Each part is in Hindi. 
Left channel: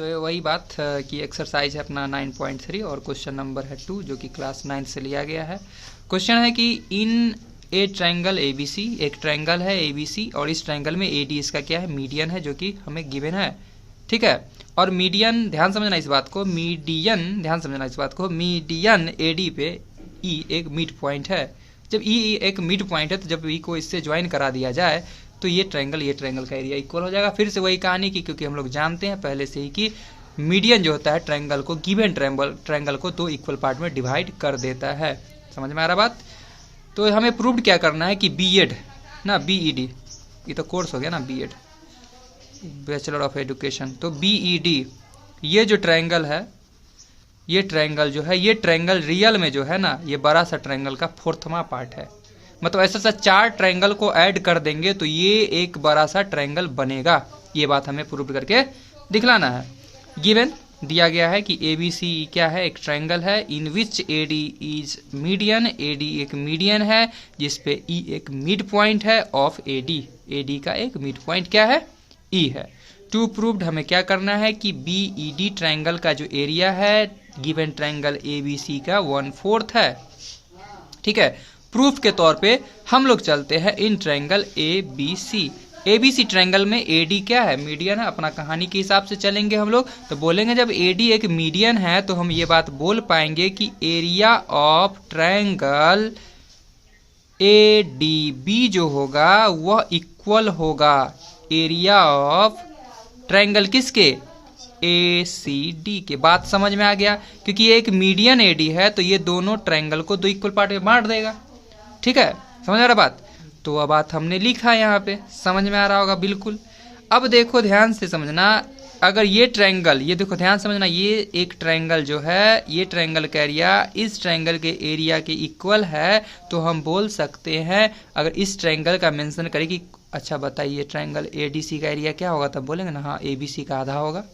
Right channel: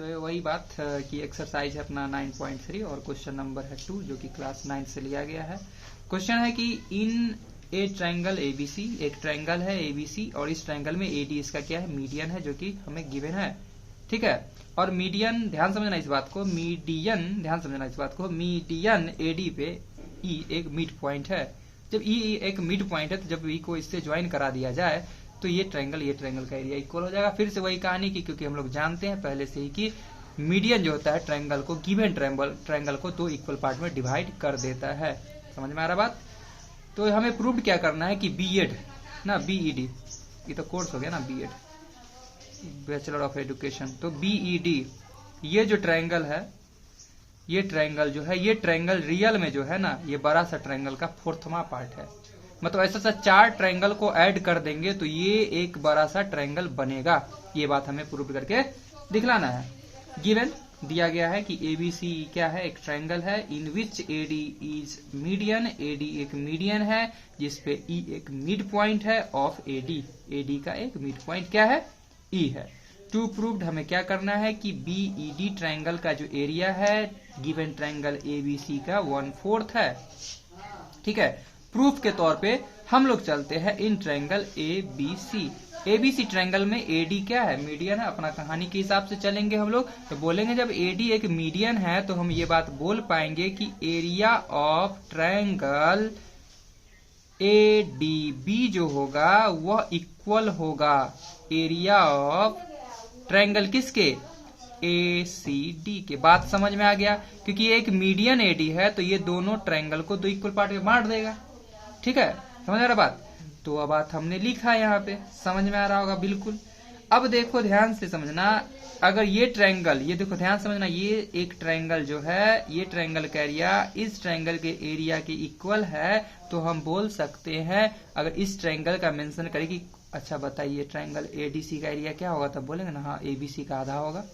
तो वही बात कि एक्सरसाइज है अपना 9.3 और क्वेश्चन नंबर है 2 जो कि क्लास 9 से लिया गया है। क्वेश्चन है कि इन ए ट्रायंगल एबीसी, एक ट्रायंगल है एबीसी और इस ट्रायंगल में एडी इसका क्या है, मीडियन है, जो कि हमें गिवन है। ठीक है, और मीडियन, ध्यान समझना इस बात को, मीडियन, ध्यान समझना इस बात को, मीडियन एडी पे ई एक मिड पॉइंट है। जब ई एक मिड पॉइंट है तो जब ई को इससे ज्वाइन करा दिया जाए तो ये ट्रायंगल का एरिया इक्वल हो जाएगा। फिर से वही कहानी की, क्योंकि हम लोग जानते हैं पहले से ही कि मीडियन जो होता है ट्रायंगल को, गिवन ट्रायंगल को दो इक्वल पार्ट में डिवाइड कर देता है। समझ में आ रहा बात? तो हमें प्रूव क्या करना है कि बीएड ना, बीईडी, ये तो कोर्स हो गया ना, बीएड बैचलर ऑफ एजुकेशन, तो बीईडी ये जो ट्रायंगल है, ये ट्रायंगल जो है, ये ट्रायंगल रियल में जो है ना, ये बड़ा सा ट्रायंगल का फोर्थवा पार्ट है। मतलब ऐसा 4 ट्रायंगल को ऐड कर देंगे तो ये एक बड़ा सा ट्रायंगल बनेगा। ये बात हमें प्रूव करके दिखलाना है। गिवन दिया गया है कि एबीसी क्या है, एक ट्रायंगल है इन विच एडी इज मीडियन, एडी एक मीडियन है जिसपे ई एक मिड पॉइंट है ऑफ एडी, एडी का एक मिड पॉइंट क्या है, ई है। टू प्रूव्ड हमें क्या करना है कि बीईडी ट्रायंगल का जो एरिया है गिवन ट्रायंगल एबीसी का 1/4 है। ठीक है, प्रूफ के तौर पे हम लोग चलते हैं in triangle ABC. ABC triangle में एडी क्या है, मीडियन है। अपना कहानी के हिसाब से चलेंगे हम लोग, तो बोलेंगे जब एडी एक मीडियन है तो हम ये बात बोल पाएंगे कि एरिया ऑफ ट्रायंगल एडीबी जो होगा वह इक्वल होगा एरिया ऑफ ट्रायंगल किसके, एसीडी के। बात समझ में आ गया? क्योंकि ये एक मीडियन एडी है तो ये दोनों ट्रायंगल को दो इक्वल पार्ट में बांट देगा। ठीक है, समझ आ रहा बात? तो वह बात हमने लिखा है यहाँ पे, समझ में आ रहा होगा बिल्कुल। अब देखो ध्यान से समझना, अगर ये ट्रायंगल, ये देखो ध्यान समझना, ये एक ट्रायंगल जो है, ये ट्रायंगल का एरिया इस ट्रायंगल के एरिया के इक्वल है, तो हम बोल सकते हैं, अगर इस ट्रायंगल का मेंशन करें कि अच्छा बताइए ट्रायंगल एडीसी का एरिया क्या होगा, तब बोलेंगे ना हाँ एबीसी का आधा होगा,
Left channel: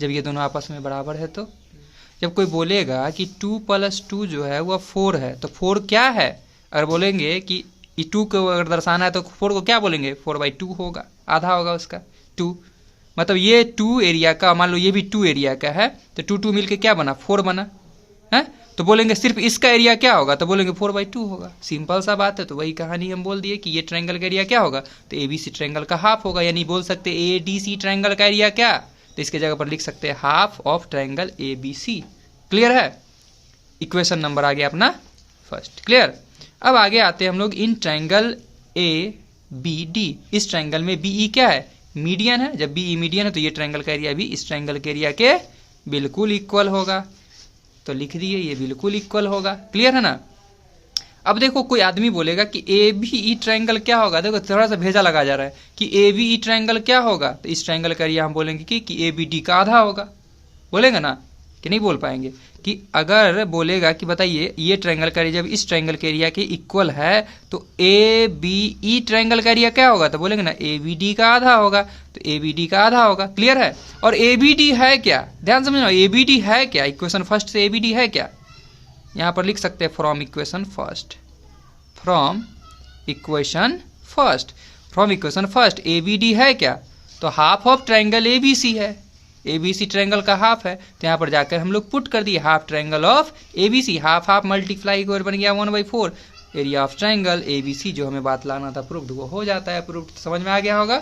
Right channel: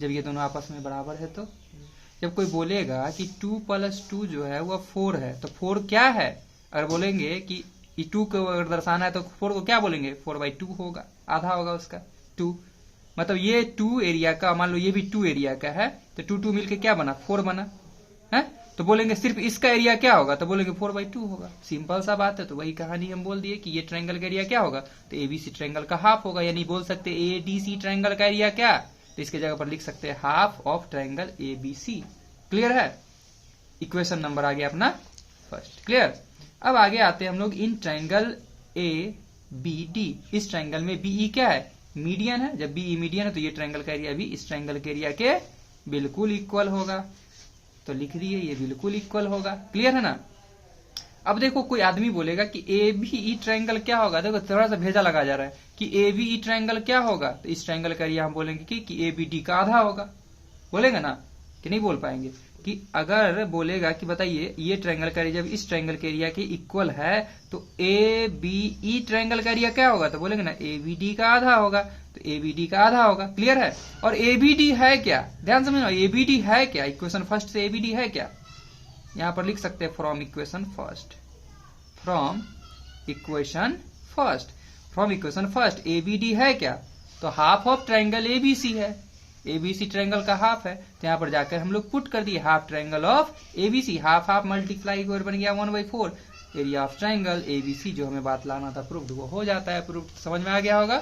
जब ये दोनों आपस में बराबर है। तो जब कोई बोलेगा कि 2 + 2 जो है वह 4 है, तो 4 क्या है, अगर बोलेंगे कि 2 को अगर दर्शाना है तो 4 को क्या बोलेंगे, 4/2 होगा, आधा होगा उसका 2। मतलब ये 2 एरिया का, मान लो ये भी 2 एरिया का है, तो 2 मिलके क्या बना, 4 बना है। तो बोलेंगे सिर्फ इसका एरिया क्या होगा, तो बोलेंगे 4/2 होगा। सिंपल सा बात है। तो वही कहानी हम बोल दिए कि ये ट्रायंगल का एरिया क्या होगा, तो एबीसी ट्रायंगल का हाफ होगा। यानी बोल सकते एडीसी ट्रायंगल का एरिया क्या, तो इसके जगह पर लिख सकते हैं half of triangle ABC. Clear है? इक्वेशन नंबर आ गया अपना फर्स्ट। क्लियर? अब आगे आते हैं हम लोग in triangle A B D. इस ट्रायंगल में बीई क्या है, मीडियन है। जब बीई मीडियन है तो ये ट्रायंगल का एरिया भी इस ट्रायंगल के एरिया के बिल्कुल इक्वल होगा। तो लिख दिए ये बिल्कुल इक्वल होगा। क्लियर है ना? अब देखो कोई आदमी बोलेगा कि ए बी ई ट्रायंगल क्या होगा, देखो थोड़ा सा भेजा लगा जा रहा है कि ए बी ई ट्रायंगल क्या होगा, तो इस ट्रायंगल का एरिया हम बोलेंगे कि ए बी डी का आधा होगा। बोलेंगे ना कि नहीं बोल पाएंगे? कि अगर बोलेगा कि बताइए ये ट्रायंगल का एरिया जब इस ट्रायंगल के एरिया के इक्वल है तो ए बी ई ट्रायंगल का एरिया क्या होगा, तो बोलेंगे ना ए बी डी का आधा होगा, तो ए बी डी का आधा होगा। क्लियर है? और ए बी डी है क्या, ध्यान समझना, ए बी डी है क्या, इक्वेशन फर्स्ट से ए बी डी है क्या, यहां पर लिख सकते हैं from equation first, from equation first, from equation first A B D है क्या, तो half of triangle A B C है, एबीसी ट्रायंगल का हाफ है, तो यहाँ पर जाकर हम लोग पुट कर दिए half triangle of ABC, half half multiply बन गया 1/4 एरिया ऑफ ट्रायंगल एबीसी। जो हमें बात लाना था प्रूव्ड वो हो जाता है प्रूव्ड। समझ में आ गया होगा?